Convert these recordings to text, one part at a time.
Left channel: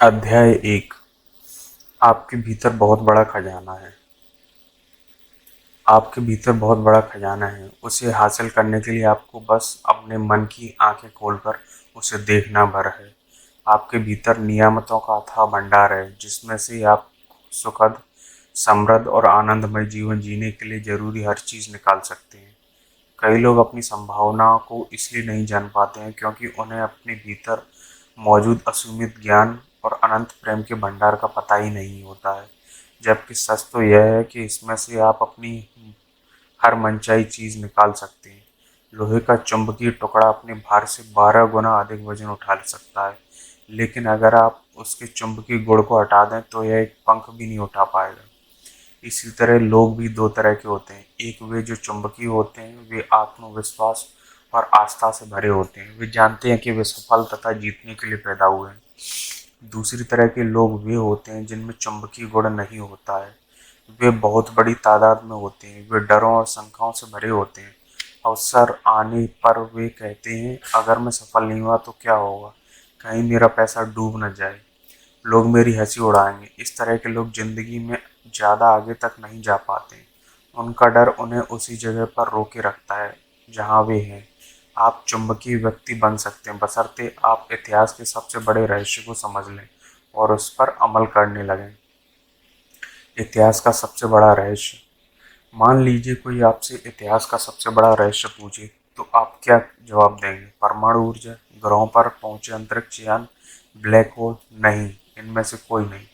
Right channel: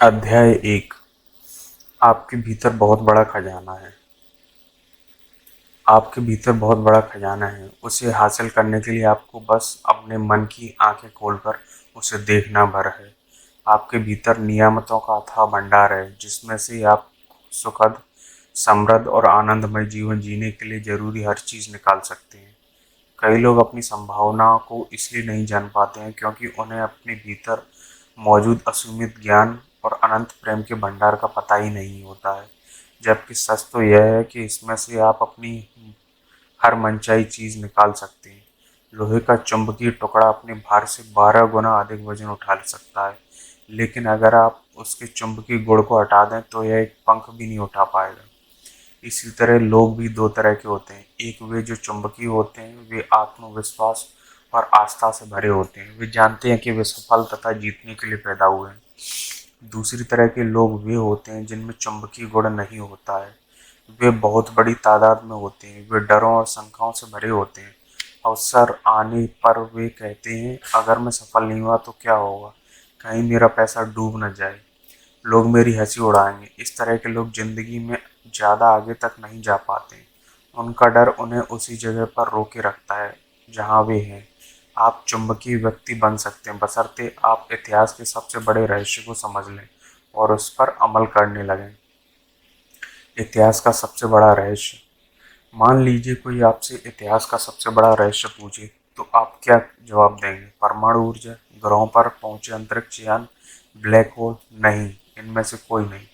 अध्याय 1। आपके भीतर बहुत बड़ा खजाना है। आपके भीतर बहुत बड़ा खजाना है। उसे हासिल करने के लिए आपको बस अपने मन की आंखें खोलकर उसे देखना भर है। आपके भीतर नियामतों का अथाह भंडार है, जिसमें से आप सुखद, समृद्ध और आनंदमय जीवन जीने के लिए जरूरी हर चीज निकाल सकते हैं। कई लोग अपनी संभावनाओं को इसलिए नहीं जान पाते हैं क्योंकि उन्हें अपने भीतर मौजूद असीमित ज्ञान और अनंत प्रेम के भंडार का पता ही नहीं होता है। जबकि सच तो यह है कि इसमें से आप अपनी हर मनचाही चीज निकाल सकते हैं। लोहे का चुंबकीय टुकड़ा अपने भार से 12 गुना अधिक वजन उठा सकता है, लेकिन अगर आप उसके चुंबकीय गुण को हटा दें तो यह एक पंख भी नहीं उठा पाएगा। इसी तरह लोग भी दो तरह के होते हैं। एक वे जो चुंबकीय होते हैं, वे आत्मविश्वास और आस्था से भरे होते हैं। वे जानते हैं कि वे सफल तथा जीतने के लिए पैदा हुए हैं। दूसरी तरह के लोग वे होते हैं जिनमें चुंबकीय गुण नहीं होता है। वे बहुत बड़ी तादाद में होते हैं। वे डरों और शंकाओं से भरे होते हैं। अवसर आने पर वे कहते हैं, अगर मैं सफल नहीं हुआ तो क्या होगा, कहीं मेरा पैसा डूब न जाए, लोग मेरी हंसी उड़ाएंगे। इस तरह के लोग जिंदगी में ज्यादा आगे तक नहीं जा पाते। उनका डर उन्हें उसी जगह पर रोके रखता है जहां वे हैं। आप चुंबकीय व्यक्ति बन सकते हैं, बशर्ते आप इतिहास के सबसे बड़े रहस्य को समझ लें और उस पर अमल करने लगें। इतिहास का सबसे बड़ा रहस्य। मान लीजिए कोई आपसे इतिहास का सबसे बड़ा रहस्य पूछे, तो आप क्या जवाब देंगे? परमाणु ऊर्जा, ग्रहों पर पहुंचे अंतरिक्ष यान, ब्लैक होल? नहीं, इनमें से कोई नहीं।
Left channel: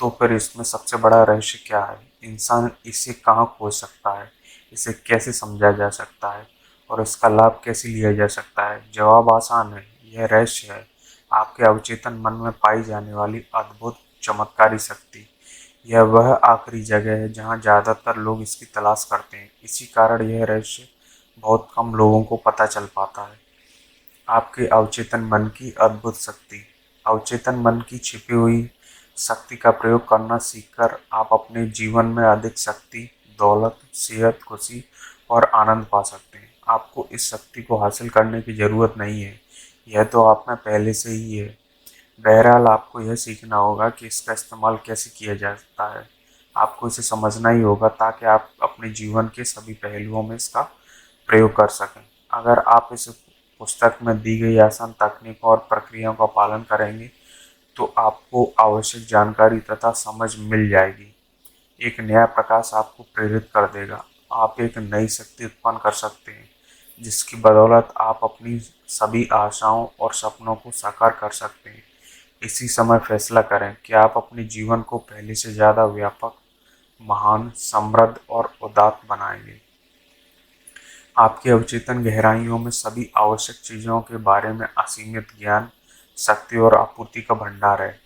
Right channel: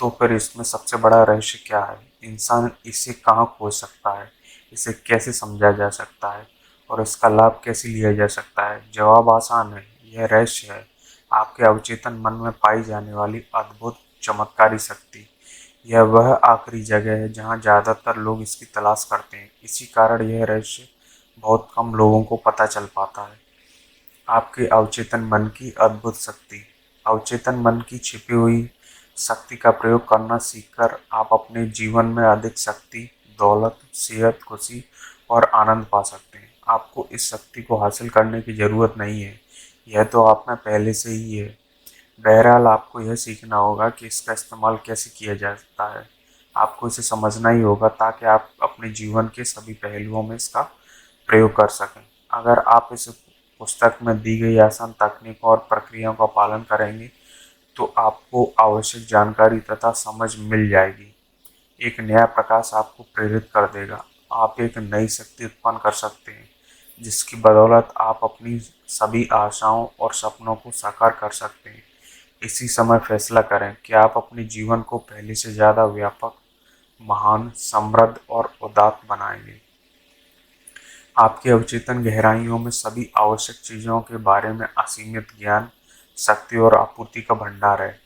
तो फिर इसमें सबसे बड़ा रहस्य क्या है? इंसान इसे कहाँ खोज सकता है? इसे कैसे समझा जा सकता है और इसका लाभ कैसे लिया जा सकता है? जवाब आसान है, यह रहस्य है आपके अवचेतन मन में पाई जाने वाली अद्भुत चमत्कारी शक्ति। यह वह आखिरी जगह है जहाँ ज्यादातर लोग इसकी तलाश करते हैं। इसी कारण यह रहस्य बहुत कम लोगों को पता चल पाता है। आपके अवचेतन मन की अद्भुत शक्ति। अवचेतन मन की छिपी हुई शक्ति का प्रयोग करना सीखकर आप अपने जीवन में अधिक शक्ति, दौलत, सेहत, खुशी और आनंद पा सकते हैं। आपको इस शक्ति को हासिल करने की जरूरत नहीं है, यह तो आप में पहले से ही है। बहरहाल आपको यह सीखना होगा कि इसका इस्तेमाल कैसे किया जाता है। आपको इसे समझना ही होगा ताकि आप अपने जीवन के सभी पहलुओं में इसका प्रयोग कर सकें। अगर आप इस पुस्तक में दी गई आसान तकनीकों और प्रक्रियाओं का पालन करेंगे तो आपको आवश्यक जानकारी तथा समझ मिल जाएगी। एक नया प्रकाश आपको प्रेरित कर देगा। आप एक नई शक्ति उत्पन्न कर सकते हैं, जिसकी बदौलत आप अपनी सभी आशाओं और सपनों को साकार कर सकते हैं। इसी समय फैसला करें कि आप अपने जीवन को पहले से ज्यादा व्यापक, महान, समृद्ध और उदात्त बनाएंगे। आपके अवचेतन गहराइयों में सभी आवश्यक चीजों के बारे में असीमित ज्ञान, शक्ति और आपूर्ति का भंडार है।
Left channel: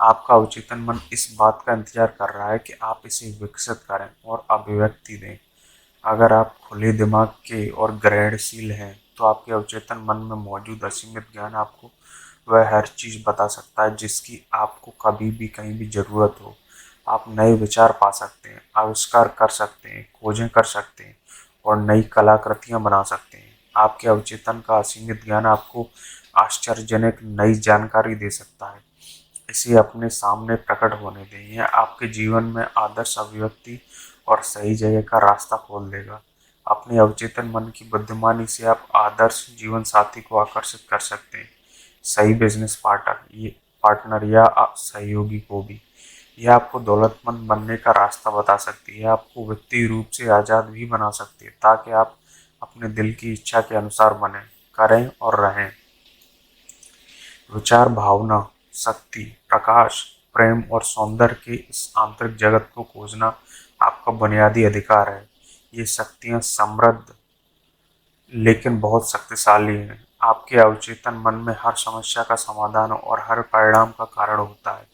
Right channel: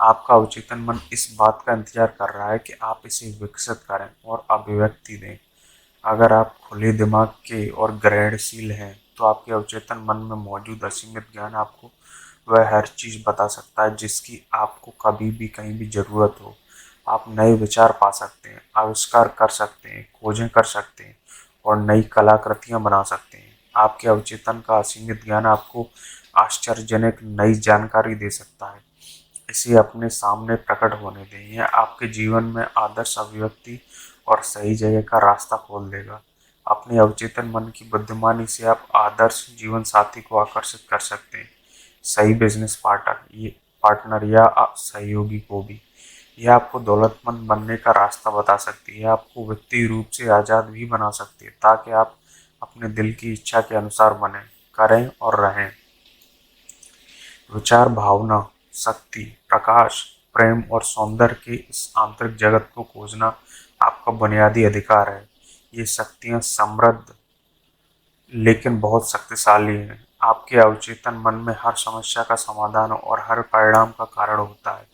आपका अवचेतन मन इस बात का इंतजार कर रहा है कि आप इसे विकसित करें और अभिव्यक्ति दें। अगर आप खुले दिमाग के और ग्रहणशील हैं, तो आपके अवचेतन मन में मौजूद असीमित ज्ञान आपको वह हर चीज बता सकता है जिसकी आपको कभी भी कहीं भी जरूरत हो। आप नए विचार पा सकते हैं, आविष्कार कर सकते हैं, खोजें कर सकते हैं और नई कलाकृतियां बना सकते हैं। आपके अवचेतन का असीमित ज्ञान आपको आश्चर्यजनक नई जानकारी दे सकता है। इसे अपने सामने प्रकट होने दें। यह आपके जीवन में आदर्श अभिव्यक्ति और सही जगह का रास्ता खोल देगा। अपने अवचेतन मन की बुद्धिमानी से आप आदर्श जीवन साथी को आकर्षित कर सकते हैं, सही बिजनेस पार्टनर या सहयोगी को भी। यह आपको दौलतमंद बनने का रास्ता बता सकती है। आपको वित्तीय रूप से आजाद भी बना सकती है ताकि आप अपने दिल की इच्छा के अनुसार बने, करें और रहें। विचार, भावना, शक्ति, प्रकाश, प्रेम और सौंदर्य के इस आंतरिक जगत को खोजना आपका बुनियादी अधिकार है। ये शक्तियाँ समृद्ध लेकिन बहुत शक्तिशाली हैं। आपके अवचेतन मन में हर समस्या का समाधान और हर परिणाम का कारण होता है।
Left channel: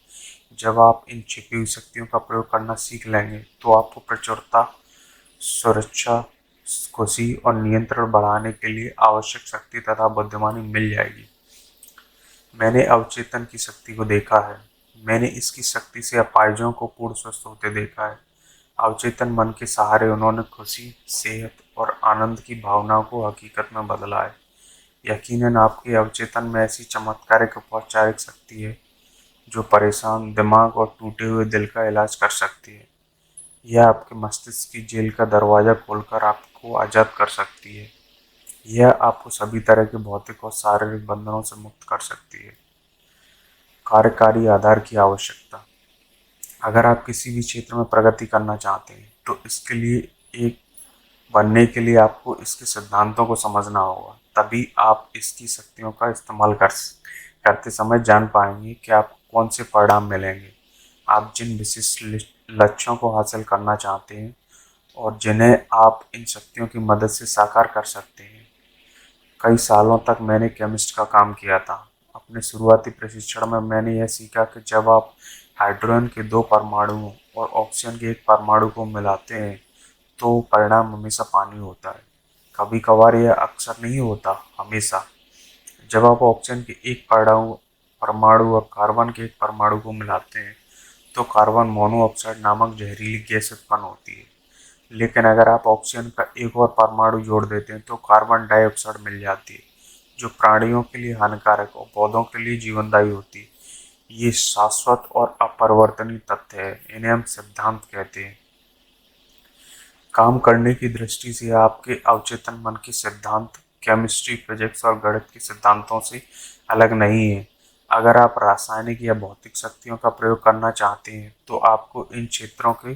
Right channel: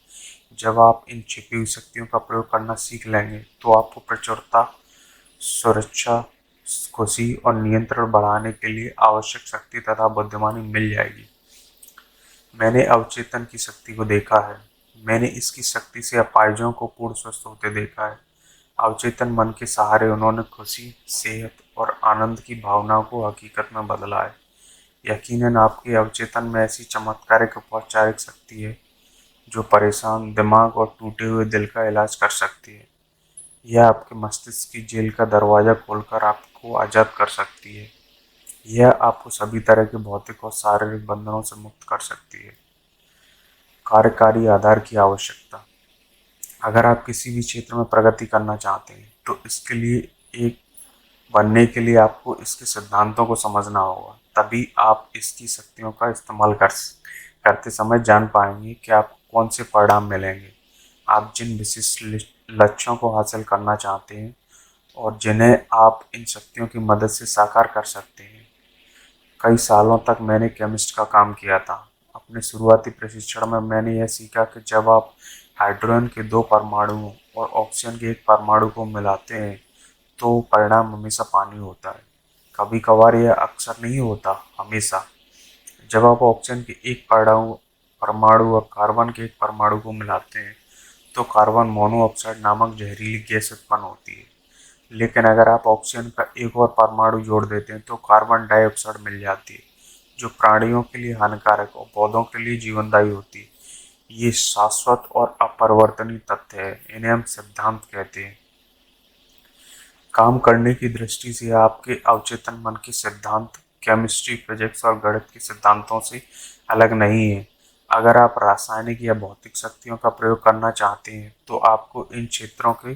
जब आप इन छिपी हुई शक्तियों का प्रयोग करना सीख लेंगे तो आपको प्रचुरता, सुरक्षा, खुशी और नियंत्रण बढ़ाने के लिए आवश्यक शक्ति तथा बुद्धिमानी मिल जाएगी। मैंने अवचेतन की शक्ति को देखा है। मैंने इसकी शक्ति से अपाहिजों को पूर्ण स्वस्थ होते देखा है। अवचेतन मन के सहारे उन्होंने खुशी, सेहत और आनंद की भावनाओं को हकीकत में बदला है। यकीनन आपके अवचेतन में ऐसी चमत्कारिक उपचारिक शक्ति है जो परेशान दिमाग और टूटे हुए दिल का इलाज कर सकती है। यह आपके मस्तिष्क की जेल का दरवाजा खोलकर आपको आज़ाद कर सकती है। यह आपको सभी तरह के भौतिक और शारीरिक बंधनों से मुक्त कर सकती है। कार्यकारी आधार की आवश्यकता। अगर आप किसी भी क्षेत्र में प्रगति करना चाहते हैं तो इसके लिए एक बनने के लिए आपको इसके सिद्धांतों को समझना होगा। तभी आप इसकी शक्तियों का इस्तेमाल करते समय जान पाएंगे कि आपको कौन से परिणाम मिलेंगे। आप जिन विशिष्ट लक्ष्यों को हासिल करना चाहते हैं और जिन्हें आप इन शक्तियों की मदद से साकार कर सकते हैं। कई सालों तक मैंने केमिस्ट का काम किया था। अपने शुरुआती प्रशिक्षण में मैंने यह सीखा कि जब आप हाइड्रोजन के दो परमाणु और ऑक्सीजन के एक परमाणु को मिलाते हैं तो परिणाम हमेशा पानी होता है। कभी कभार यह अक्सर नहीं होता, हमेशा। जब आप ऑक्सीजन के एक परमाणु परमाणु और कार्बन के एक परमाणु को मिलाते हैं तो कार्बन मोनोऑक्साइड नामक जहरीली गैस उत्पन्न होती है। लेकिन अगर आप ऑक्सीजन का एक और परमाणु जोड़ देते हैं तो कार्बन डाइऑक्साइड मिल जाती है, जो प्राणियों के लिए हानिकारक और पौधों के लिए जीवनदायी होती है। ये शाश्वत और अपरिवर्तनीय तथ्य है। इन्हें हम सिद्धांत कहते हैं। काम करने की दृष्टि से आपके अवचेतन मन के सिद्धांत केमिस्ट्री, फिजिक्स और गणित के सिद्धांतों से अलग नहीं है। अगर आप रासायनिक या भौतिक शक्तियों का प्रयोग करना चाहते हैं तो आपको इन क्षेत्रों के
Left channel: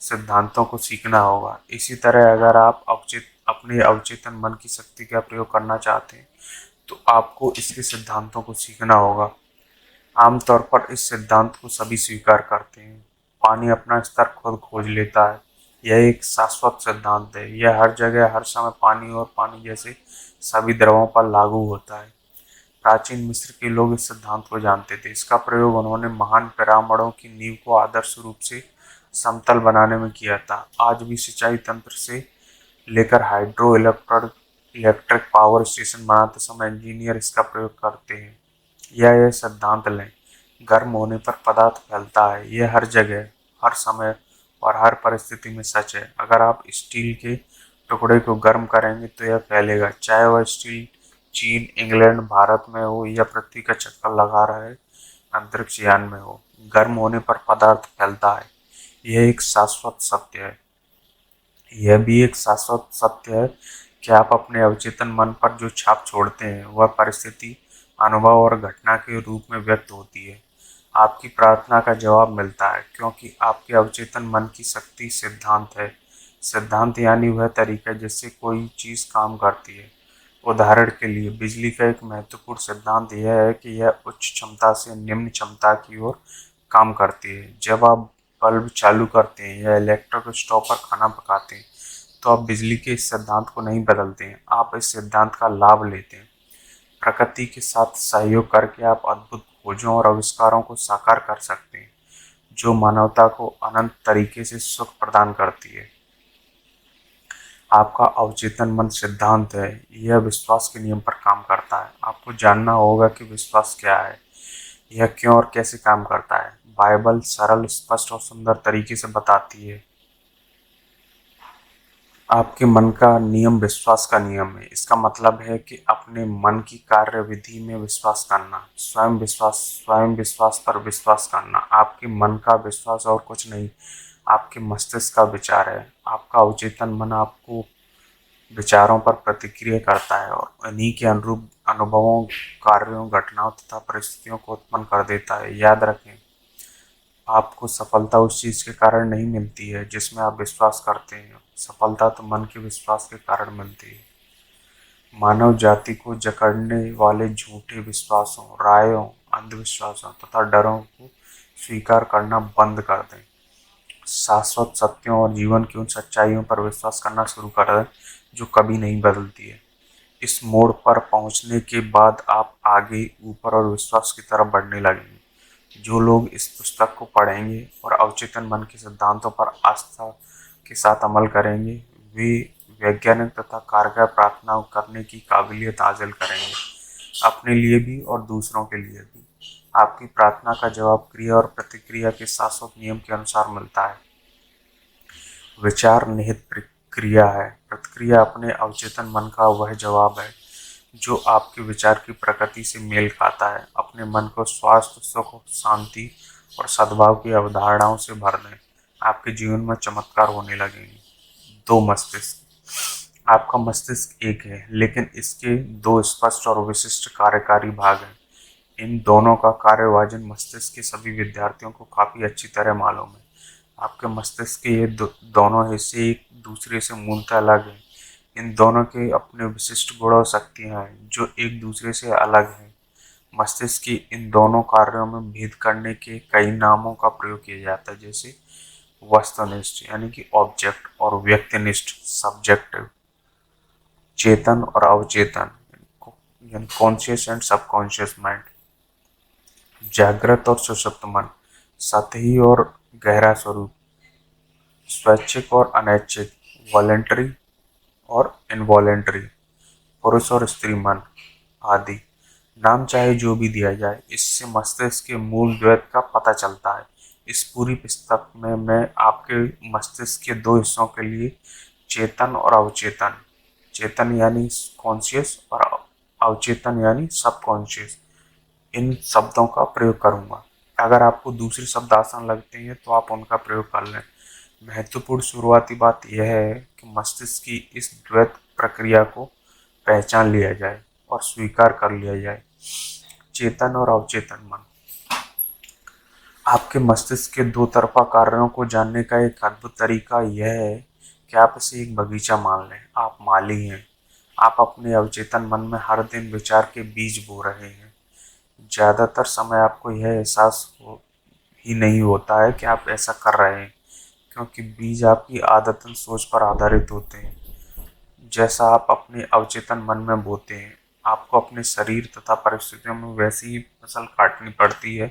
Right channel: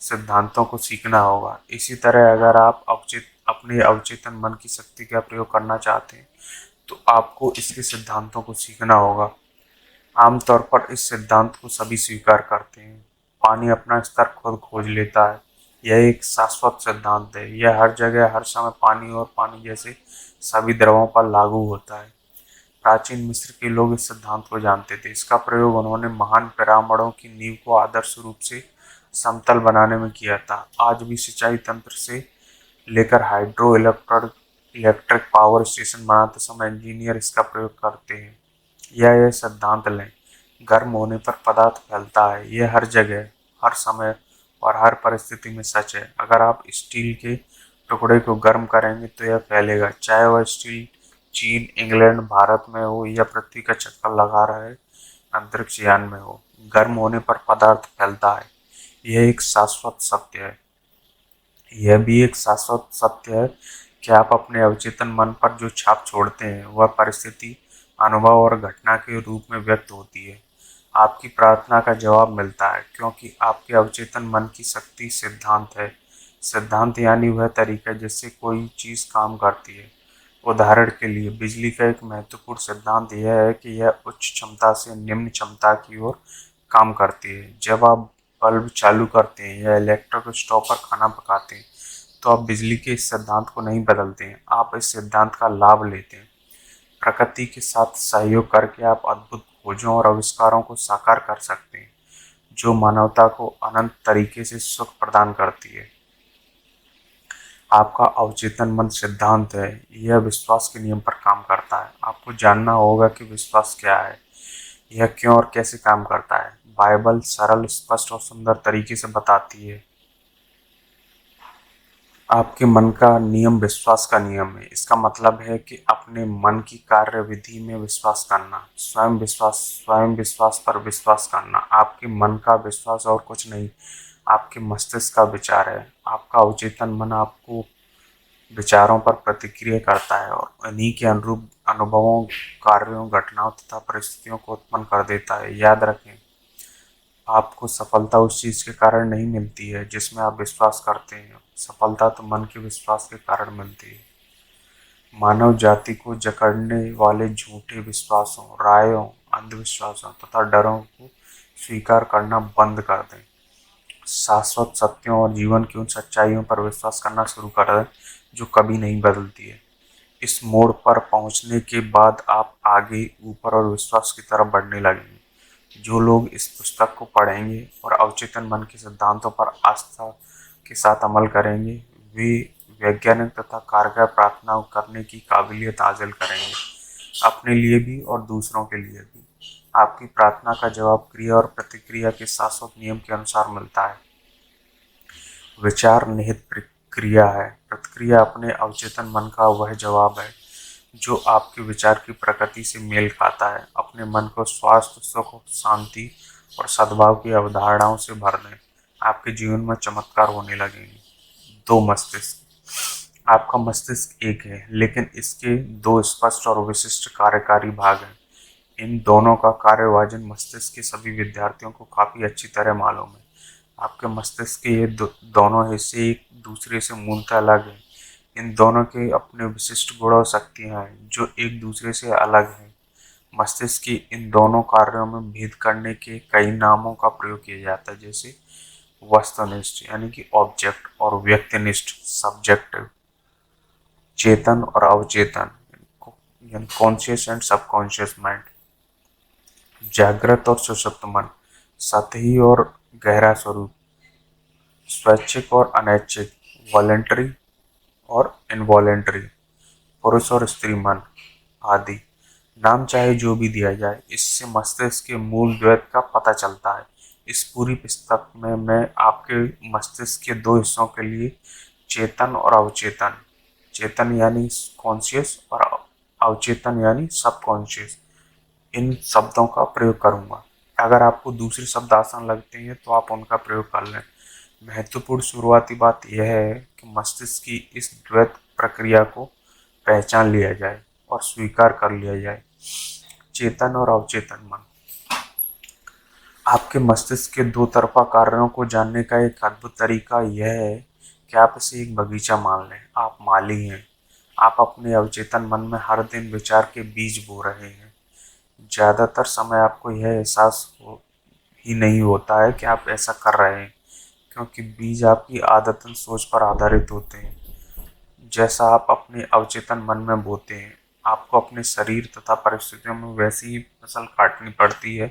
सिद्धांतों को सीखना होगा। इसी तरह अगर आप अपने अवचेतन मन की शक्ति का प्रयोग करना चाहते हैं तो आपको इसके सिद्धांतों को सीखना होगा। आमतौर पर इस सिद्धांत को सभी स्वीकार करते हैं। पानी अपना स्तर खुद खोज लेता है। यह एक शाश्वत सिद्धांत है। यह हर जगह हर समय पानी और पानी जैसे सभी द्रवों पर लागू होता है। प्राचीन मिस्र के लोग इस सिद्धांत को जानते थे। इसका प्रयोग उन्होंने महान पिरामिडों की नींव को आदर्श रूप से समतल बनाने में किया था। आज भी सिंचाई तंत्र से लेकर हाइड्रो इलेक्ट्रिक पावर स्टेशन बनाते समय इंजीनियर इसका प्रयोग करते हैं। यह सिद्धांत लें, गर्म होने पर पदार्थ फैलता है। यह हर जगह, हर समय और हर परिस्थिति में सच है। अगर आप स्टील के टुकड़े को गर्म करेंगे तो यह फैलेगा, चाहे वह स्टील चीन, इंग्लैंड, भारत में हो या पृथ्वी का चक्कर लगा रहे अंतरिक्ष यान में हो। गर्म होने पर पदार्थ फैलता है। यह एक शाश्वत सत्य है। यह भी एक शाश्वत सत्य है कि आप अपने अवचेतन मन पर जो छाप छोड़ते हैं वह परिस्थिति, अनुभव और घटना के रूप में व्यक्त होती है। आपकी प्रार्थना का जवाब मिलता है क्योंकि आपके अवचेतन मन की शक्ति सिद्धांत है। सिद्धांत यानी वह तरीका जिससे कोई चीज काम करती है। उदाहरण के लिए बिजली का एक महत्वपूर्ण सिद्धांत यह है कि यह उच्च क्षमता से निम्न क्षमता की ओर काम करती है। जब आप बल्ब चालू करते हैं या इलेक्ट्रिक स्टोव पर खाना पकाते हैं तो आप बिजली के इस सिद्धांत को नहीं बदलते हैं, आप इस सिद्धांत का लाभ लेते हैं। प्रकृति के साथ सहयोग करके आप अद्भुत खोजों और आविष्कारों को साकार कर सकते हैं जो मानवता को अनंत तरीके से सुख प्रदान करती है। आपका अवचेतन मन सिद्धांत है। यह विश्वास के नियम पर काम करता है। आपको जानना होगा कि विश्वास क्या है, यह क्यों और कैसे काम करता है। बाइबल सरल, स्पष्ट और सुंदर तरीके से बताती है। आपके मन का नियम विश्वास का नियम है। इसका मतलब है कि अपने मन की कार्यविधि में विश्वास करना, स्वयं विश्वास पर विश्वास करना। आपके मन का विश्वास और कुछ नहीं, आपके मस्तिष्क का विचार है। आपका अवचेतन मन आपको विचारों पर प्रतिक्रिया करता है और इन्हीं के अनुरूप अनुभवों, कार्यों, घटनाओं तथा परिस्थितियों को उत्पन्न कर देता है। याद रखें, आपको सफलता उस चीज के कारण नहीं मिलती है जिसमें आप विश्वास करते हैं। सफलता तो मन के विश्वास के कारण मिलती है। मानव जाति को जकड़ने वाले झूठे विश्वासों, रायों, अंधविश्वासों तथा डरों को स्वीकार करना बंद कर दें। शाश्वत सत्यों और जीवन की उन सच्चाइयों पर विश्वास करना शुरू करें जो कभी नहीं बदलती है। इस मोड़ पर पहुंचने के बाद आप आगे, ऊपर और विश्वास की तरफ बढ़ने लगेंगे। जो लोग इस पुस्तक को पढ़ेंगे और अवचेतन मन के सिद्धांतों पर आस्था के साथ अमल करेंगे, वे वैज्ञानिक तथा कारगर प्रार्थना करने की काबिलियत हासिल करेंगे, अपने लिए भी और दूसरों के लिए भी। आपकी प्रार्थना का जवाब क्रिया और प्रतिक्रिया के शाश्वत नियम के अनुसार मिलता है। विचार निहित प्रक्रिया है। प्रतिक्रिया अपने अवचेतन मन का वह जवाब है जो आपके विचार की प्रकृति से मेल खाता है। अपने मन को स्वास्थ्य, सुख, शांति और सद्भाव की अवधारणाओं से भर दें। आपके जीवन में चमत्कार होने लगेंगे। दो मस्तिष्क। आपका मस्तिष्क एक है, लेकिन इसके दो स्पष्ट और विशिष्ट कार्यकारी भाग हैं। इन दोनों का कार्यविभाजन मस्तिष्क के सभी विद्यार्थियों को काफी अच्छी तरह मालूम है। आपके मस्तिष्क के ये दोनों हिस्से एक दूसरे से मूलतः अलग हैं। इन दोनों के अपने विशिष्ट गुण और शक्तियाँ हैं जो एक दूसरे से अलग हैं। मस्तिष्क के इन दोनों कार्यों में भेद करने के कई नामों का प्रयोग किया जाता है, जैसे वस्तुनिष्ठ यानी कि ऑब्जेक्ट और व्यक्तिनिष्ठ सब्जेक्ट, चेतन और अवचेतन यानी कॉन्शियस एंड सबकॉन्शियस माइंड, जागृत और सशक्त मन, सतही और गहरा स्वरूप, स्वैच्छिक और अनैच्छिक, वॉलेंटरी और इनवॉलेंटरी, पुरुष और स्त्री मन आदि। नाम चाहे जो भी दिया जाए, इससे मस्तिष्क के मूल द्वैत का पता चलता है। इस पूरी पुस्तक में मैं आपके मस्तिष्क के दो हिस्सों के लिए चेतन और अवचेतन, चेतन यानी कॉन्शियस और अवचेतन यानी सबकॉन्शियस, इन शब्दों का प्रयोग करूंगा। अगर आपको दूसरे शब्द आसान लगते हैं तो आप उनका प्रयोग कर लें। महत्वपूर्ण शुरुआती बात यह है कि मस्तिष्क की इस द्वैत प्रक्रिया को पहचान लिया जाए और स्वीकार कर लिया जाए। चेतन और अवचेतन मन। आपके मस्तिष्क के दो तरफा कार्यों को जानने का एक अद्भुत तरीका यह है कि आप इसे एक बगीचा मान लें। आप माली हैं। आप अपने अवचेतन मन में हर दिन विचार के बीज बो रहे हैं। ज्यादातर समय आपको यह ही नहीं होता है कि आप ऐसा कर रहे हैं, क्योंकि बीज आपकी आदतन सोच पर आधारित होते हैं। जैसा आप अपने अवचेतन मन में बोते हैं, आपको अपने शरीर तथा परिस्थितियों में वैसी ही फसल काटनी पड़ती है।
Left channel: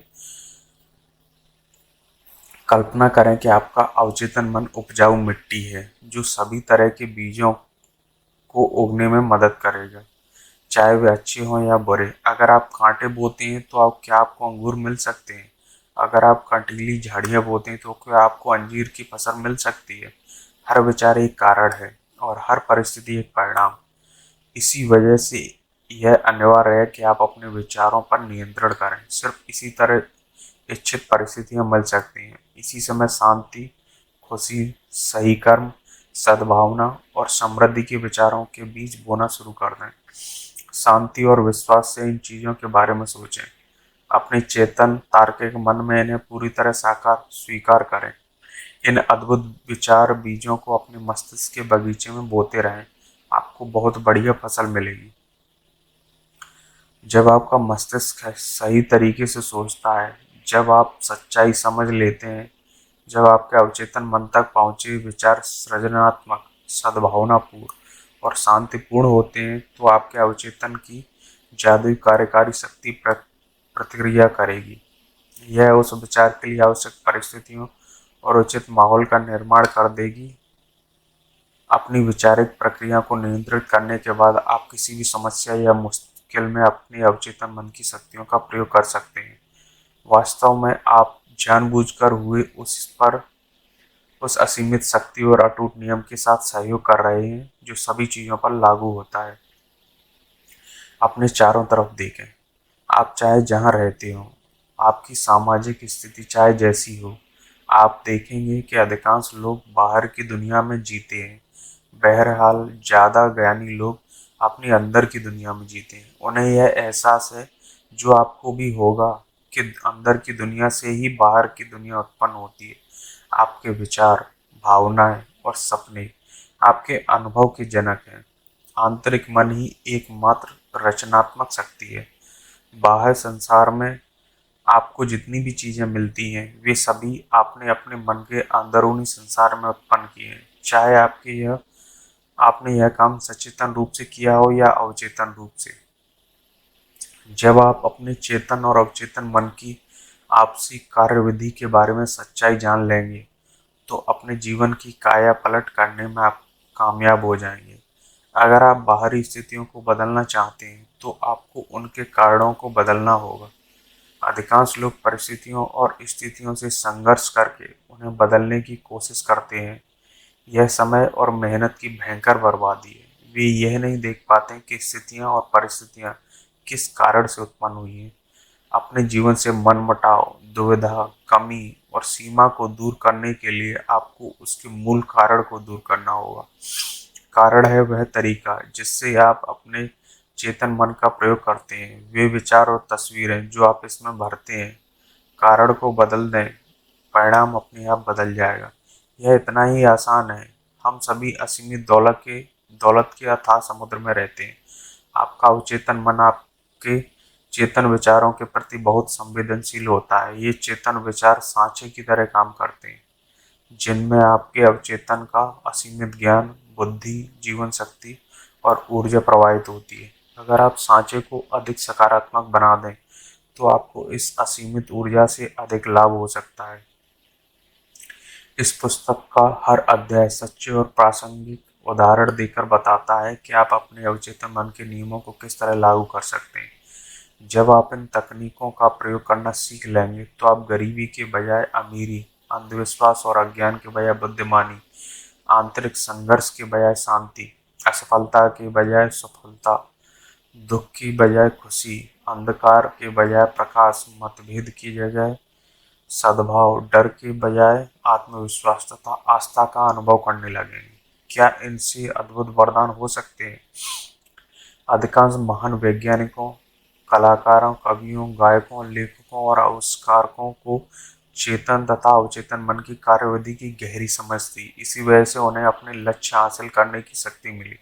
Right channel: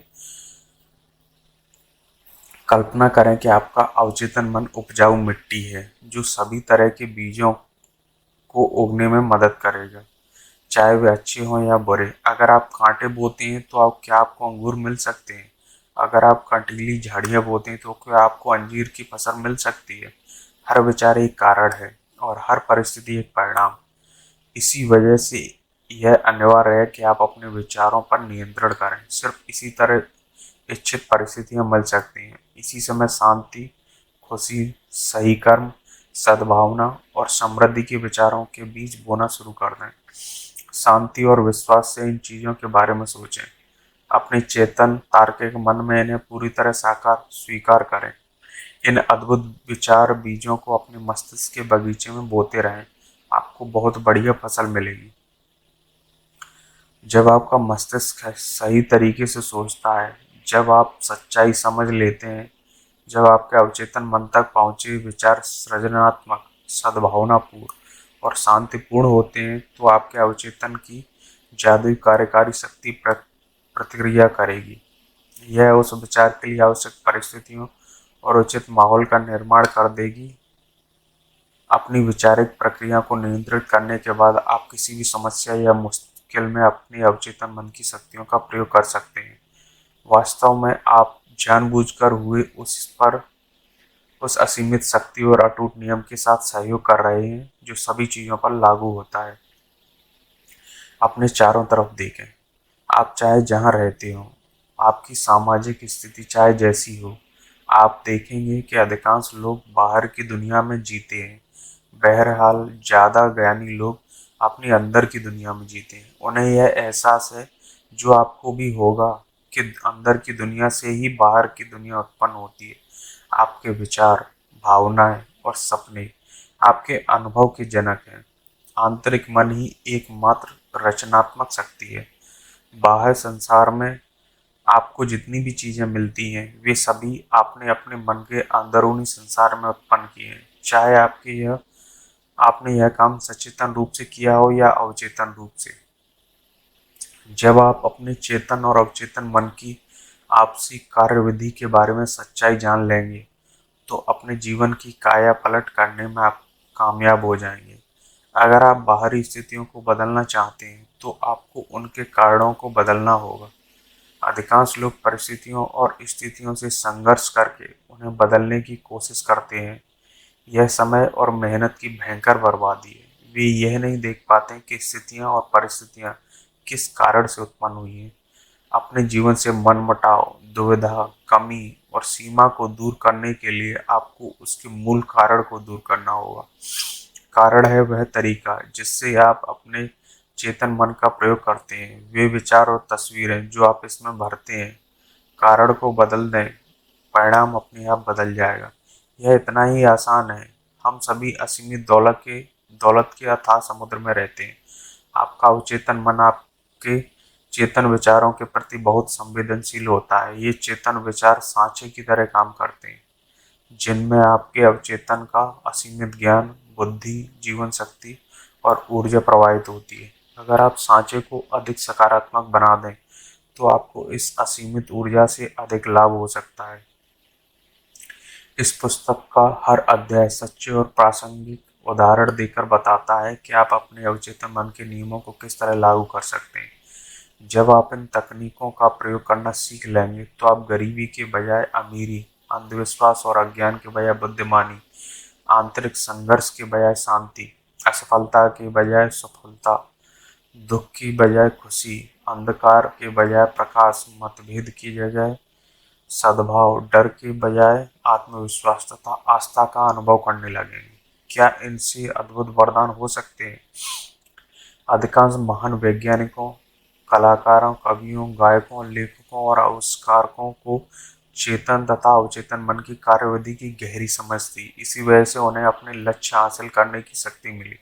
कल्पना करें कि आपका अवचेतन मन उपजाऊ मिट्टी है जो सभी तरह के बीजों को उगने में मदद करेगा, चाहे वे अच्छे हों या बुरे। अगर आप कांटे बोते हैं तो क्या आपको अंगूर मिल सकते हैं? अगर आप कंटीली झाड़ियाँ बोते हैं तो क्या आपको अंजीर की फसल मिल सकती है? हर विचार एक कारण है और हर परिस्थिति एक परिणाम। इसी वजह से यह अनिवार्य है कि आप अपने विचारों पर नियंत्रण करें। सिर्फ इसी तरह इच्छित परिस्थितियां मिल सकती हैं। इसी समय शांति, खुशी, सही कर्म, सद्भावना और समृद्धि के विचारों के बीज बोना शुरू कर दें। शांति और विश्वास से इन चीजों के बारे में सोचें। अपने चेतन तार्किक मन में इन्हें पूरी तरह साकार स्वीकार करें। इन अद्भुत विचार बीजों को अपने मस्तिष्क के बगीचे में बोते रहें। आपको बहुत बढ़िया फसल मिलेगी। जब आपका मस्तिष्क सही तरीके से सोचता है, जब आप सच्चाई समझ लेते हैं, जब आपके अवचेतन मन तक पहुंचे विचार सृजनात्मक, सद्भावनापूर्ण और शांतिपूर्ण होते हैं, तो आपके अवचेतन की जादुई कार्यकारी शक्ति प्रतिक्रिया करेगी। यह उस विचार के लिए आवश्यक परिस्थितियों और उचित माहौल का निर्माण कर देगी। अपनी वैचारिक प्रक्रिया को नियंत्रित करने के बाद आप किसी भी समस्या या मुश्किल में अपने अवचेतन मन की शक्तियों का प्रयोग कर सकते हैं। वास्तव में आप जानबूझकर हुए उस असीमित शक्ति और अटूट नियम के साथ सहयोग कर रहे हैं जो सभी चीजों पर लागू होता है। अपने चारों तरफ देखें। आप चाहे जहाँ रहते हो, आपकी सामाजिक स्थिति चाहे जैसी हो, आप देखेंगे कि अधिकांश लोग बाहर की दुनिया में जीते हैं। बहरहाल ज्यादा ज्ञानी लोग अपने अंदर की दुनिया में जीते हैं। उन्हें यह एहसास है, जो आपको भी होगा, कि अंदर की दुनिया से ही बाहर की दुनिया उत्पन्न होती है। आपके विचार, भावनाएं और सपने आपके अनुभव के जनक हैं। आंतरिक मन ही एकमात्र रचनात्मक शक्ति है। बाहर संसार में आपको जितनी भी चीजें मिलती हैं, वे सभी आपने अपने मन के अंदरूनी संसार में उत्पन्न किए हैं, चाहे आपने यह काम सचेतन रूप से किया हो या अवचेतन रूप से। जब आप अपने चेतन और अवचेतन मन की आपसी कार्यविधि के बारे में सच्चाई जान लेंगे, तो अपने जीवन की काया पलट करने में आप कामयाब हो जाएंगे। अगर आप बाहरी स्थितियों को बदलना चाहते हैं, तो आपको उनके कारणों को बदलना होगा। अधिकांश लोग परिस्थितियों और स्थितियों से संघर्ष करके उन्हें बदलने की कोशिश करते हैं। यह समय और मेहनत की भयंकर बर्बादी है। वे यह नहीं देख पाते कि स्थितियां और परिस्थितियां किस कारण से उत्पन्न हुई हैं। अपने जीवन से मनमुटाव, दुविधा, कमी और सीमा को दूर करने के लिए आपको उसके मूल कारण को दूर करना होगा। कारण है वह तरीका जिससे आप अपने चेतन मन का प्रयोग करते हैं, वे विचार और तस्वीरें जो आप इसमें भरते हैं। कारण को बदल दें, परिणाम अपने आप बदल जाएगा। यह इतना ही आसान है। हम सभी असीमित दौलत के अथाह समुद्र में रहते हैं। आपका अवचेतन मन आपके चेतन विचारों के प्रति बहुत संवेदनशील होता है। ये चेतन विचार सांचे की तरह काम करते हैं, जिनमें आपके अवचेतन का असीमित ज्ञान, बुद्धि, जीवन शक्ति और ऊर्जा प्रवाहित होती है। अगर आप सांचे को अधिक सकारात्मक बना दें, तो आपको इस असीमित ऊर्जा से अधिक लाभ हो सकता है। इस पुस्तक का हर अध्याय सच्चे और प्रासंगिक उदाहरण देकर बताता है कि आप अपने अवचेतन मन के नियमों को किस तरह लागू कर सकते हैं। जब आप इन तकनीकों का प्रयोग करना सीख लेंगे, तो आप गरीबी के बजाय अमीरी, अंधविश्वास और अज्ञान के बजाय बुद्धिमानी, आंतरिक संघर्ष के बजाय शांति, असफलता के बजाय सफलता, दुख की बजाय खुशी, अंधकार के बजाय प्रकाश, मतभेद की जगह सद्भाव, डर के बजाय आत्मविश्वास तथा आस्था का अनुभव करने लगेंगे। क्या इनसे अद्भुत वरदान हो सकते हैं? अधिकांश महान वैज्ञानिकों, कलाकारों, कवियों, गायकों, लेखकों और आविष्कारकों को चेतन तथा अवचेतन मन की कार्यविधि की गहरी समझ थी। इसी वजह से उन्हें अपने लक्ष्य हासिल करने की शक्ति मिली।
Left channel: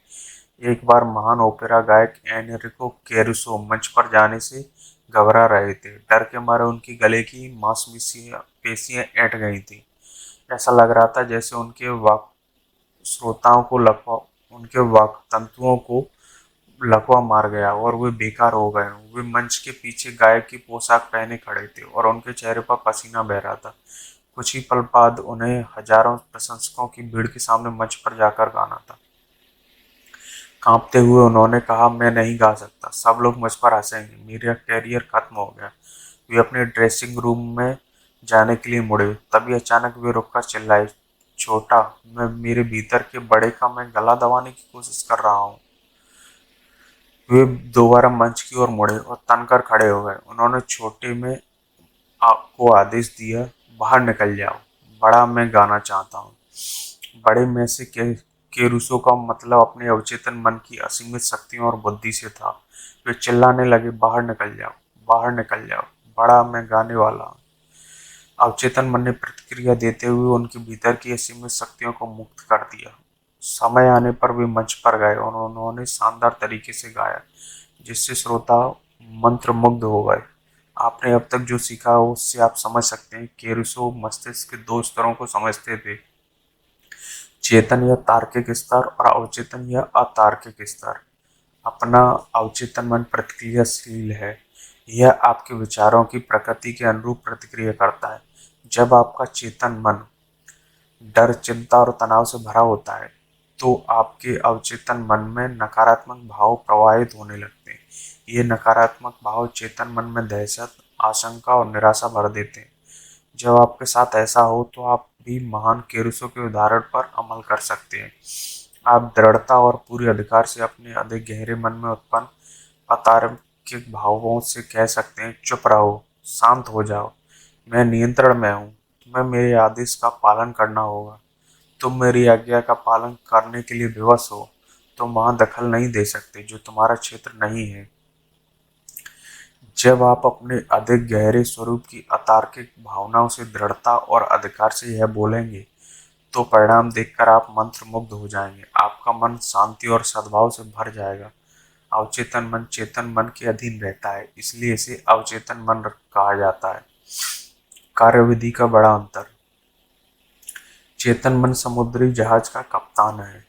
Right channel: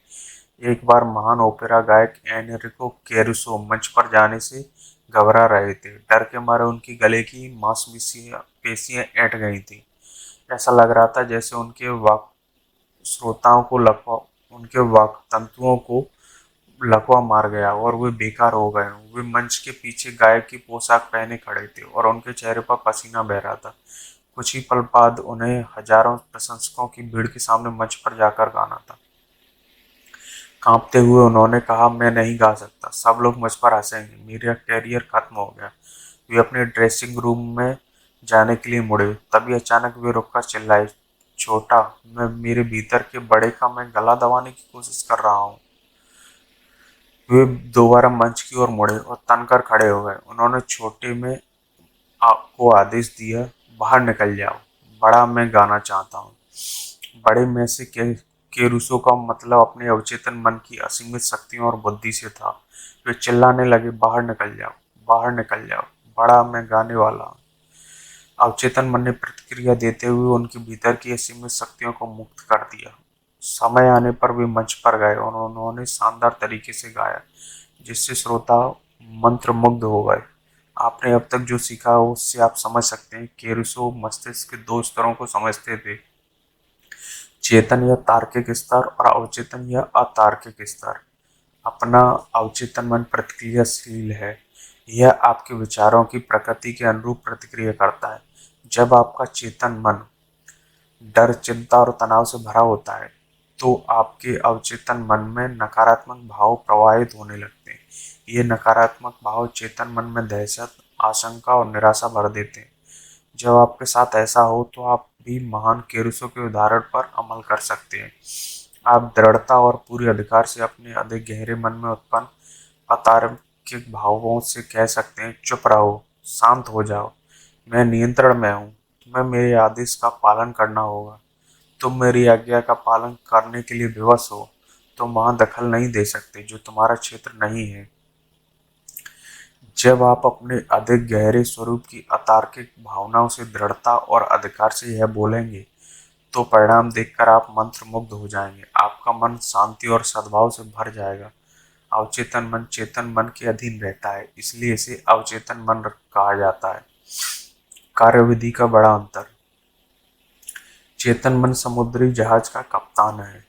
एक बार महान ओपेरा गायक एनरिको कैरुसो मंच पर जाने से घबरा रहे थे। डर के मारे उनके गले की मांसपेशियां पेशियां ऐंठ गई थी। ऐसा लग रहा था जैसे श्रोताओं को लकवा उनके वाक तंतुओं को लकवा मार गया और वे बेकार हो गए। वे मंच के पीछे गायक की पोशाक पहने खड़े थे और उनके चेहरे पर पसीना बह रहा था। कुछ ही पल बाद उन्हें हजारों प्रशंसकों की भीड़ के सामने मंच पर जाकर गाना था। कांपते हुए उन्होंने कहा, मैं नहीं गा सकता, सब लोग मुझ पर हंसेंगे, मेरा कैरियर खत्म हो गया। वे अपने ड्रेसिंग रूम में जाने के लिए मुड़े, तभी अचानक वे रुककर चिल्लाए, छोटा, मैं मेरे भीतर के बड़े का मैं गला दबाने की कोशिश कर रहा हूँ। वे दोबारा मंच की ओर मुड़े और तनकर खड़े हो गए। उन्होंने छोटे में आपको आदेश दिया, बाहर निकल जाओ, बड़ा मैं गाना चाहता हूँ। बड़े में से केरूसो का मतलब अपने अवचेतन मन की असीमित शक्ति और बुद्धि से था। वे चिल्लाने लगे, बाहर निकल जाओ, बाहर निकल जाओ, बड़ा मैं गाने वाला हूँ। अवचेतन मन ने प्रतिक्रिया देते हुए उनके भीतर की असीमित शक्तियों को मुक्त कर दिया। समय आने पर वे मंच पर गए और उन्होंने शानदार तरीके से गाया, जिससे श्रोता मंत्रमुग्ध हो गए। आपने अब तक जो सीखा हो उससे आप समझ सकते हैं कि रूसो मस्तिष्क के दो स्तरों को समझते थे, चेतन या तार्किक स्तर और अवचेतन या अतार्किक स्तर। अपना अवचेतन मन प्रतिक्रियाशील है। यह आपके विचारों की प्रकृति के अनुरूप प्रतिक्रिया करता है। जब आपका चेतन मन डर, चिंता और तनाव से भरा होता है, तो आपके अवचेतन मन में नकारात्मक भाव प्रवाहित होने लगते हैं। ये नकारात्मक भाव चेतन मन में दहशत, आशंका और निराशा भर देते हैं। जब आपके साथ ऐसा हो, तो आप भी महान केरुसो के उदाहरण पर अमल कर सकते हैं। आप दृढ़ता और पूरे अधिकार से अपने अधिक गहरे मन में उत्पन्न अतार्किक भावों से कह सकते हैं, चुप रहो, शांत हो जाओ, मैं नियंत्रण में हूँ, तुम्हें मेरे आदेश का पालन करना होगा, तुम मेरी आज्ञा का पालन करने के लिए विवश हो, तुम वहां दखल नहीं दे सकते जो तुम्हारा क्षेत्र नहीं है। जब आप अपने अधिक गहरे स्वरूप की अतार्किक भावनाओं से दृढ़ता और अधिकार से यह बोलेंगे, तो परिणाम देखकर आप मंत्र मुग्ध हो जाएंगे। आपका मन शांति और सद्भाव से भर जाएगा। अवचेतन मन चेतन मन के अधीन रहता है, इसलिए इसे अवचेतन मन कहा जाता है। कार्यविधि का बड़ा अंतर। चेतन मन समुद्री जहाज का कप्तान है।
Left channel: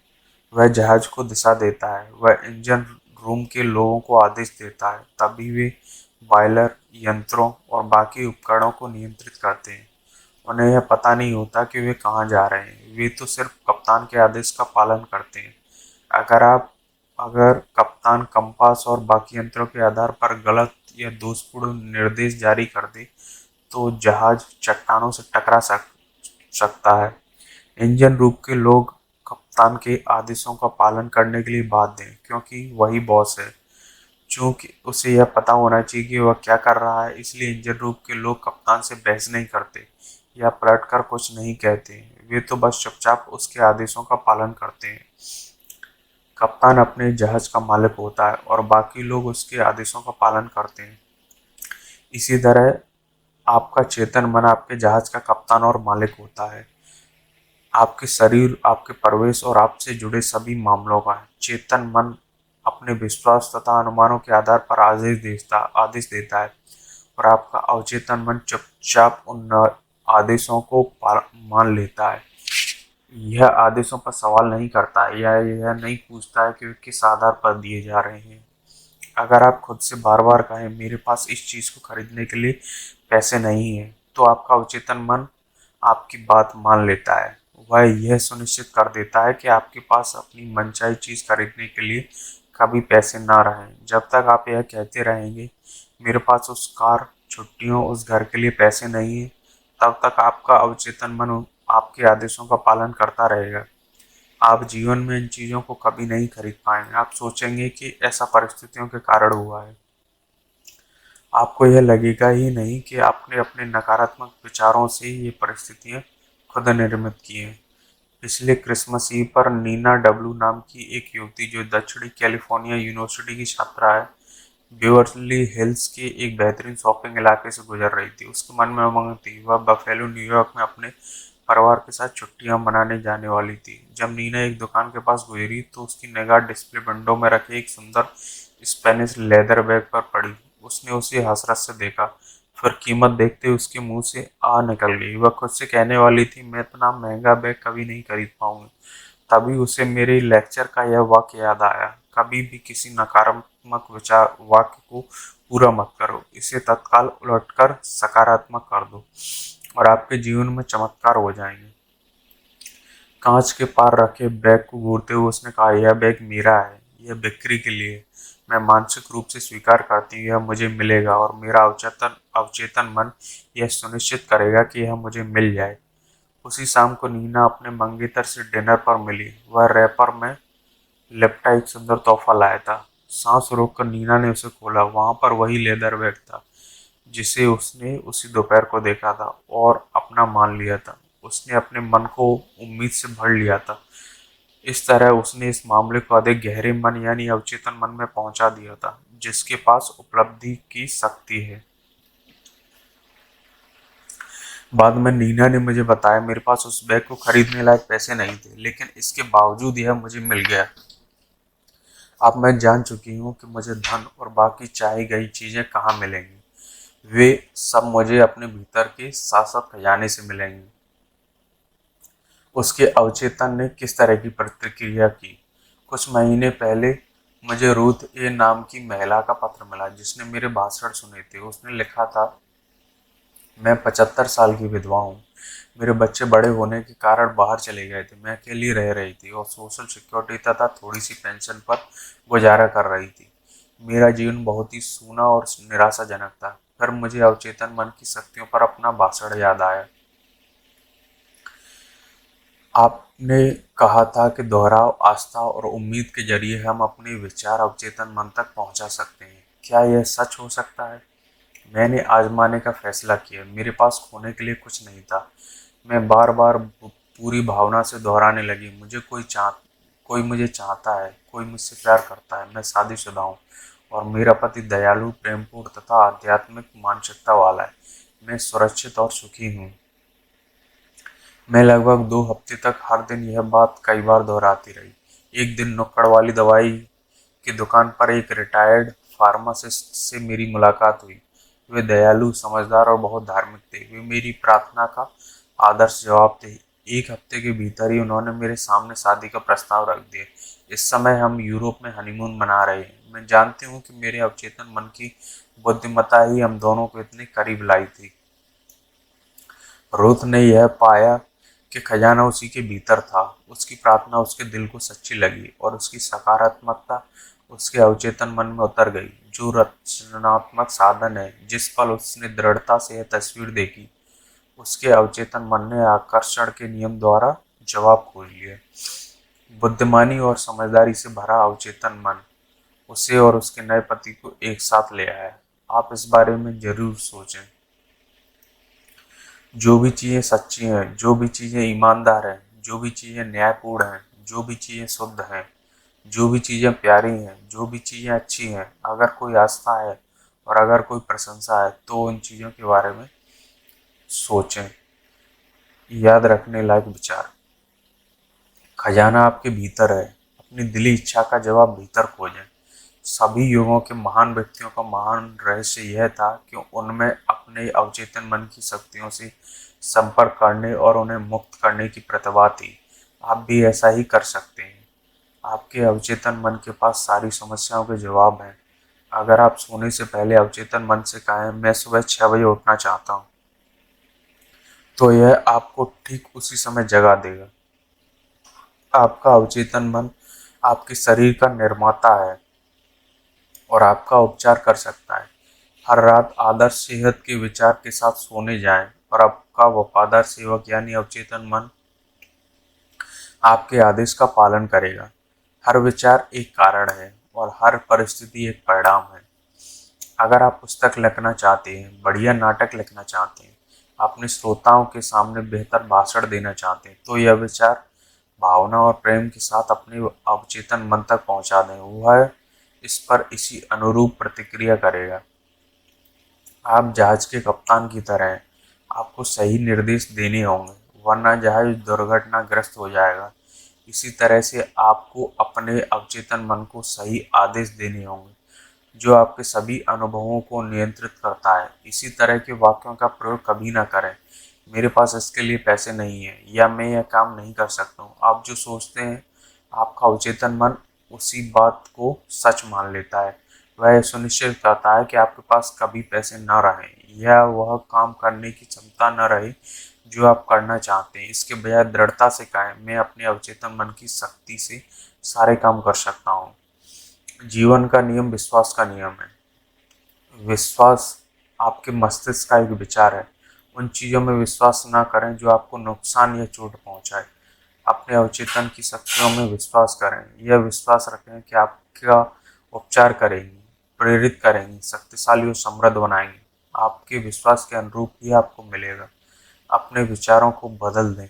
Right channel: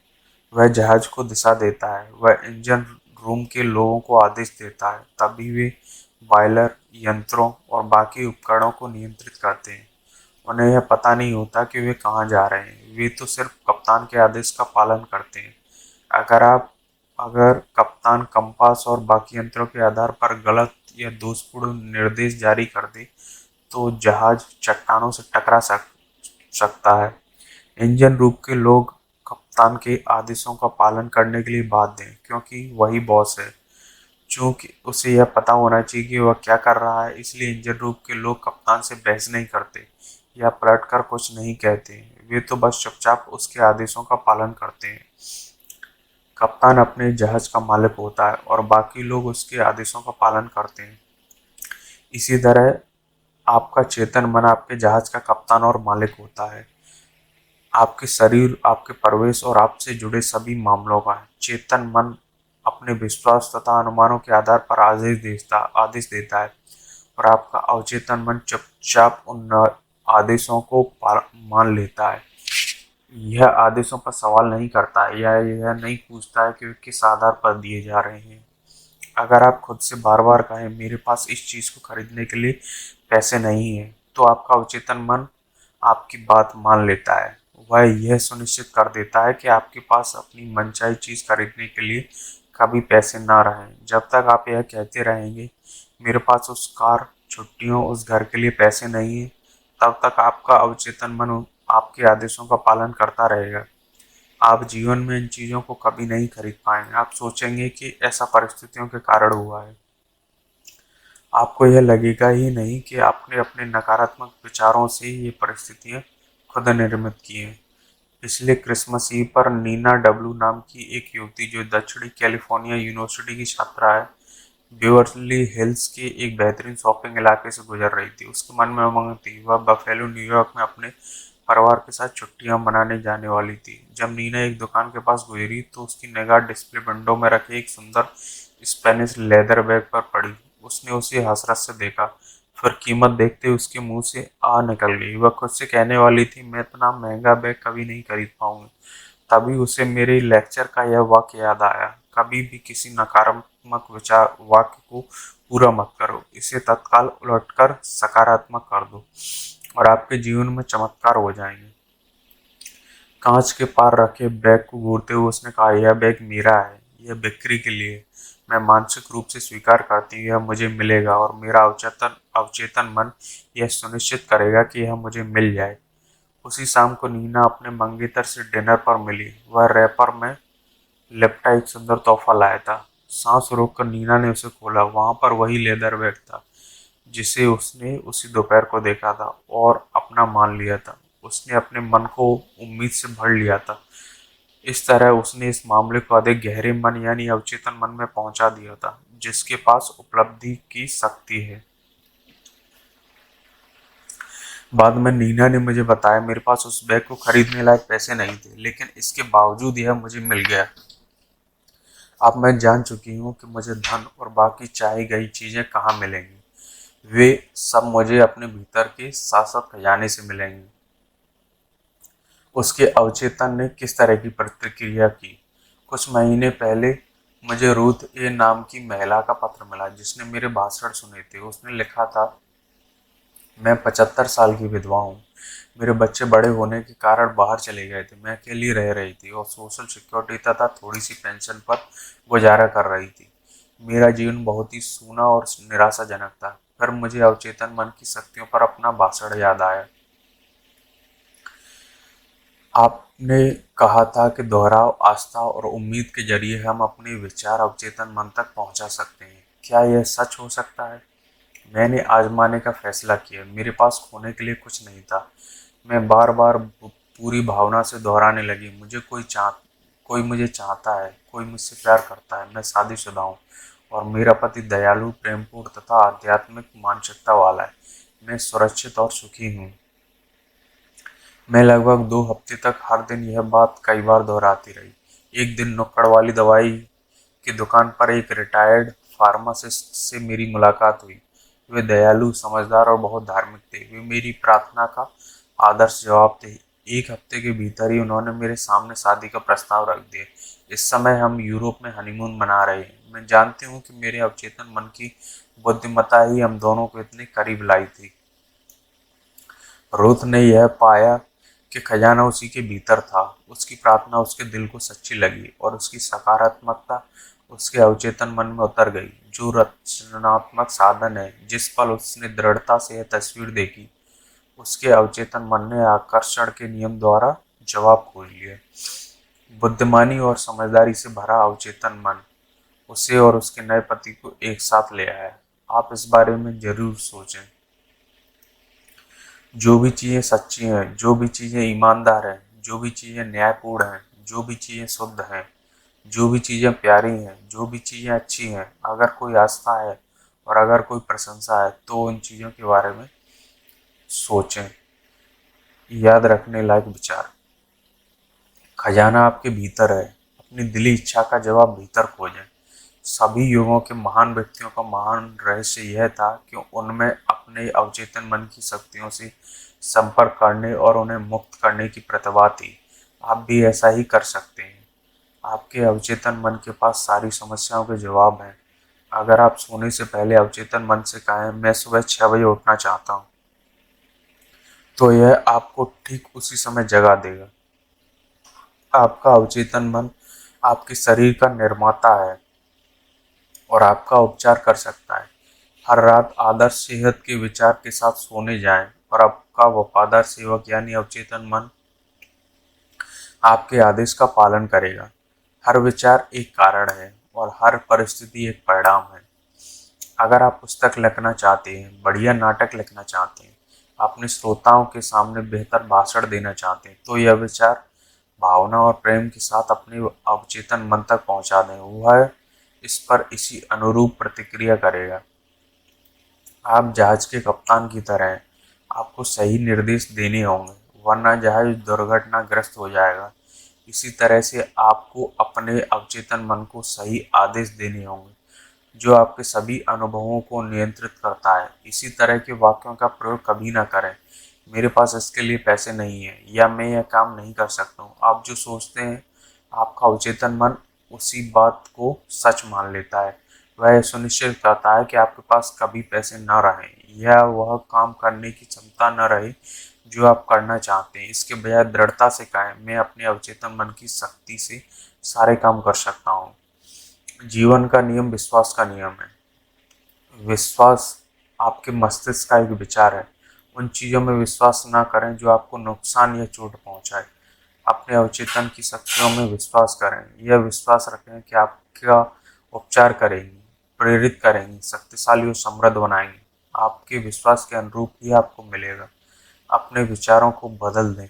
वह जहाज को दिशा देता है। वह इंजन रूम के लोगों को आदेश देता है, तभी वे बॉयलर, यंत्रों और बाकी उपकरणों को नियंत्रित करते हैं। उन्हें यह पता नहीं होता कि वे कहाँ जा रहे हैं, वे तो सिर्फ कप्तान के आदेश का पालन करते हैं। अगर आप अगर कप्तान कंपास और बाकी यंत्रों के आधार पर गलत या दोषपूर्ण निर्देश जारी कर दें, तो जहाज चट्टानों से टकरा सकता है। इंजन रूम के लोग कप्तान के आदेशों का पालन करने के लिए बाध्य है, क्योंकि वही बॉस है। चूंकि उसे यह पता होना चाहिए कि वह क्या कर रहा है, इसलिए इंजन रूम के लोग कप्तान से बहस नहीं करते या पलटकर कुछ नहीं कहते। वे तो बस चुपचाप उसके आदेशों का पालन करते हैं। कप्तान अपने जहाज का मालिक होता है और बाकी लोग उसके आदेशों का पालन करते हैं। इसी तरह आपका चेतन मन आपके जहाज का कप्तान और मालिक होता है। आपके शरीर, आपके प्रवेश और आपसे जुड़े सभी मामलों का चेतन मन अपने विश्वास तथा अनुमानों के आधार पर आदेश देता है, और आपका अवचेतन मन चुपचाप उन आदेशों को मान लेता है। यह आदेशों पर सवाल नहीं करता है या यह नहीं पूछता है कि वे किस आधार पर दिए जा रहे हैं। अगर आप खुद से बार बार कहें मेरे पास इस चीज को खरीदने के लिए पैसे नहीं है, तो आपका अवचेतन मन आपकी बात मान लेता है। वह यह सुनिश्चित कर देता है कि आपके पास अपनी मनचाही चीज खरीदने के लिए कभी पैसे न रहें। जब तक आप यह कहते रहेंगे मेरे पास उस कार, छुट्टियों, उस घर के लिए पैसे नहीं है, तब तक आपका अवचेतन मन आपके आदेशों का पालन करता रहेगा। आप जीवन में इन चीजों को कभी नहीं खरीद पाएंगे। आप सोचेंगे कि ऐसा परिस्थितियों के कारण हुआ है। आपको यह लगेगा ही नहीं कि आपने अपने नकारात्मक विचारों से ये परिस्थितियां खुद निर्मित की हैं। पिछले क्रिसमस ईव पर नीना डब्ल्यू नाम की एक युवती, जो दक्षिणी कैलिफोर्निया यूनिवर्सिटी की छात्रा है, बेवर्ली हिल्स के एक बेहतरीन शॉपिंग इलाके से गुजर रही थी। उसके मन में उमंग थी। वह बफेलो, न्यूयॉर्क में अपने परिवार के साथ छुट्टियां मनाने जाने वाली थी। जब नीना एक दुकान के पास गुजरी तो उसकी निगाह डिस्प्ले विंडो में रखे एक सुंदर स्पेनिश लेदर बैग पर पड़ी। उसने उसे हसरत से देखा, फिर कीमत देखते उसके मुंह से आ निकल गई। वह खुद से कहने वाली थी मैं इतना महंगा बैग कभी नहीं खरीद पाऊंगी। तभी उसे मेरे लेक्चर का यह वाक्य याद आया, कभी भी किसी नकारात्मक विचार वाक्य को पूरा मत करो, इसे तत्काल उलटकर सकारात्मक कर दो और आपके जीवन में चमत्कार हो जाएंगे। कांच के पार रखे बैग को घूरते हुए उसने कहा यह बैग मेरा है, यह बिक्री के लिए है। मैं मानसिक रूप से स्वीकार करती हूँ यह मुझे मिलेगा, और मेरा अवचेतन अवचेतन मन यह सुनिश्चित करेगा कि यह मुझे मिल जाए। उसी शाम को नीना अपने मंगेतर से डिनर पर मिली। वह रैपर में लगता एक सुंदर तोहफा लाया था। सांस रोककर नीना ने उसे खोला। वहां पर वही लेदर बैग था जिसे उसने उसी दोपहर को देखा था और अपना मान लिया था। उसने अपने मन को उम्मीद से भर लिया था। इस तरह उसने इस मामले को अधिक गहरे मन यानी अवचेतन मन में पहुंचा दिया था, जिसके पास उपलब्धि की शक्ति है। बाद में नीना ने मुझे बताया मेरे पास उस बैग को खरीदने लायक पैसे नहीं थे, लेकिन इसके बावजूद यह मुझे मिल गया। अब मैं जान चुकी हूँ कि मुझे धन और बाकी चाही गई चीजें कहाँ मिलेंगी। वे सब मुझे अपने भीतर के शाश्वत खजाने से मिलेंगे। उसके अवचेतन ने किस तरह की प्रतिक्रिया की? कुछ महीने पहले मुझे रूथ ए नाम की महिला का पत्र मिला जिसने मेरे भाषण सुने थे। उसने लिखा था मैं 75 साल की विधवा हूँ। मेरे बच्चे बड़े होने के कारण बाहर चले गए थे। मैं अकेली रह रही थी और सोशल सिक्योरिटी तथा थोड़ी सी पेंशन पर गुजारा कर रही थी। मेरा जीवन बहुत ही सूना और निराशाजनक था। फिर मुझे अवचेतन मन की शक्तियों पर अपना भाषण याद आया। आपने कहा था कि दोहराव, आस्था और उम्मीद के जरिए हम अपने विचार अवचेतन मन तक पहुंचा सकते हैं। क्या यह सच हो सकता है? मैंने आजमाने का फैसला किया। मेरे पास खोने के लिए कुछ नहीं था। मैं बार बार पूरी भावना से दोहराने लगी, कोई मुझे चाहता है, कोई मुझसे प्यार करता है, मैं शादीशुदा हूँ और मेरा पति दयालु, प्रेमपूर्ण तथा आध्यात्मिक मानसिकता वाला है। मैं सुरक्षित और सुखी हूँ। मैं लगभग 2 हफ्ते तक हर दिन यह बात कई बार दोहराती रही। एक दिन नुक्कड़ वाली दवाई की दुकान पर एक रिटायर्ड फार्मासिस्ट से मेरी मुलाकात हुई। वे दयालु, समझदार और बहुत धार्मिक थे। वे मेरी प्रार्थना का आदर्श जवाब थे। 1 हफ्ते के भीतर ही उन्होंने मेरे सामने शादी का प्रस्ताव रख दिया। इस समय हम यूरोप में हनीमून मना रहे हैं। मैं जानती हूँ कि मेरे अवचेतन मन की बुद्धिमत्ता ही हम दोनों को इतने करीब लाई थी। रुथ ने यह पाया कि खजाना उसी के भीतर था। उसकी प्रार्थना उसके दिल को सच्ची लगी और उसकी सकारात्मकता उसके अवचेतन मन में उतर गई। जो रचनात्मक साधन है, जिस पल उसने दृढ़ता से तस्वीर देखी, उसके अवचेतन मन ने आकर्षण के नियम द्वारा जवाब खोज लिया। बुद्धिमानी और समझदारी से भरा अवचेतन मन उसे और उसके नए पति को एक साथ ले आया। आप इस बारे में जरूर सोचें। जो भी चीजें सच्ची हैं, जो भी चीजें ईमानदार हैं, जो भी चीजें न्यायपूर्ण हैं, जो भी चीजें शुद्ध हैं, जो भी चीजें प्यारी हैं, जो भी चीजें अच्छी हैं, अगर कोई आस्था है और अगर कोई प्रशंसा है तो उन चीजों के बारे में सोचें। याद रखने लायक विचार। खजाना आपके भीतर है। अपनी दिली इच्छा का जवाब भीतर खोजें। सभी युगों के महान व्यक्तियों का महान रहस्य यह था कि उनमें अपने अवचेतन मन की शक्तियों से संपर्क करने और उन्हें मुक्त करने की प्रतिभा थी। आप भी ऐसा ही कर सकते हैं। आपके अवचेतन मन के पास सारी समस्याओं के जवाब हैं। अगर आप सोने से पहले अवचेतन मन से कहें मैं सुबह 6 बजे उठना चाहता हूँ, तो यह आपको ठीक उसी समय जगा देगा। आपका अवचेतन मन आपके शरीर का निर्माता है और आपका उपचार कर सकता है। हर रात आदर्श सेहत के विचार के साथ सोने जाएं और आपका वफादार सेवक यानी अवचेतन मन आपके आदेश का पालन करेगा। हर विचार एक कारण है और हर परिस्थिति एक परिणाम है। अगर आप पुस्तक लिखना चाहते हैं, बढ़िया नाटक लिखना चाहते हैं, अपने श्रोताओं के सामने बेहतर भाषण देना चाहते हैं, तो यह विचार भावना और प्रेम के साथ अपने अवचेतन मन तक पहुंचा दें। वह इस पर इसी अनुरूप प्रतिक्रिया करेगा। आप जहाज के कप्तान की तरह हैं। आपको सही निर्देश देने होंगे, वरना जहाज दुर्घटनाग्रस्त हो जाएगा। इसी तरह से आपको अपने अवचेतन मन को सही आदेश देने होंगे, जो आपके सभी अनुभवों को नियंत्रित करता है। इसी तरह के वाक्यों का प्रयोग कभी ना करें, मेरे पास इसके लिए पैसे नहीं है या मैं यह काम नहीं कर सकता हूँ। आप जो सोचते हैं, आपका अवचेतन मन उसी बात को सच मान लेता है। वह सुनिश्चित करता है कि आपके पास कभी पैसे ना रहें या वह काम करने की क्षमता न रहे जो आप करना चाहते हैं। इसके बजाय दृढ़ता से कहें मैं अपने अवचेतन मन की शक्ति से सारे काम कर सकता हूँ। जीवन का नियम विश्वास का नियम है। विश्वास आपके मस्तिष्क का एक विचार है। उन चीजों में विश्वास न करें जो आपको नुकसान या चोट पहुंचाए। अपने अवचेतन की शक्तियों में विश्वास करें। यह विश्वास रखें कि आपका उपचार करेंगे, प्रेरित करेंगे, शक्तिशाली और समृद्ध बनाएंगे। आपके विश्वास के अनुरूप ही आपको मिलेगा। अपने विचारों को बदल दें,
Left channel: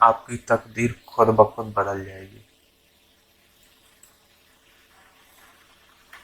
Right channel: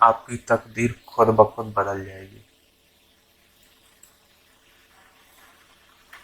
आपकी तकदीर खुद ब खुद बदल जाएगी।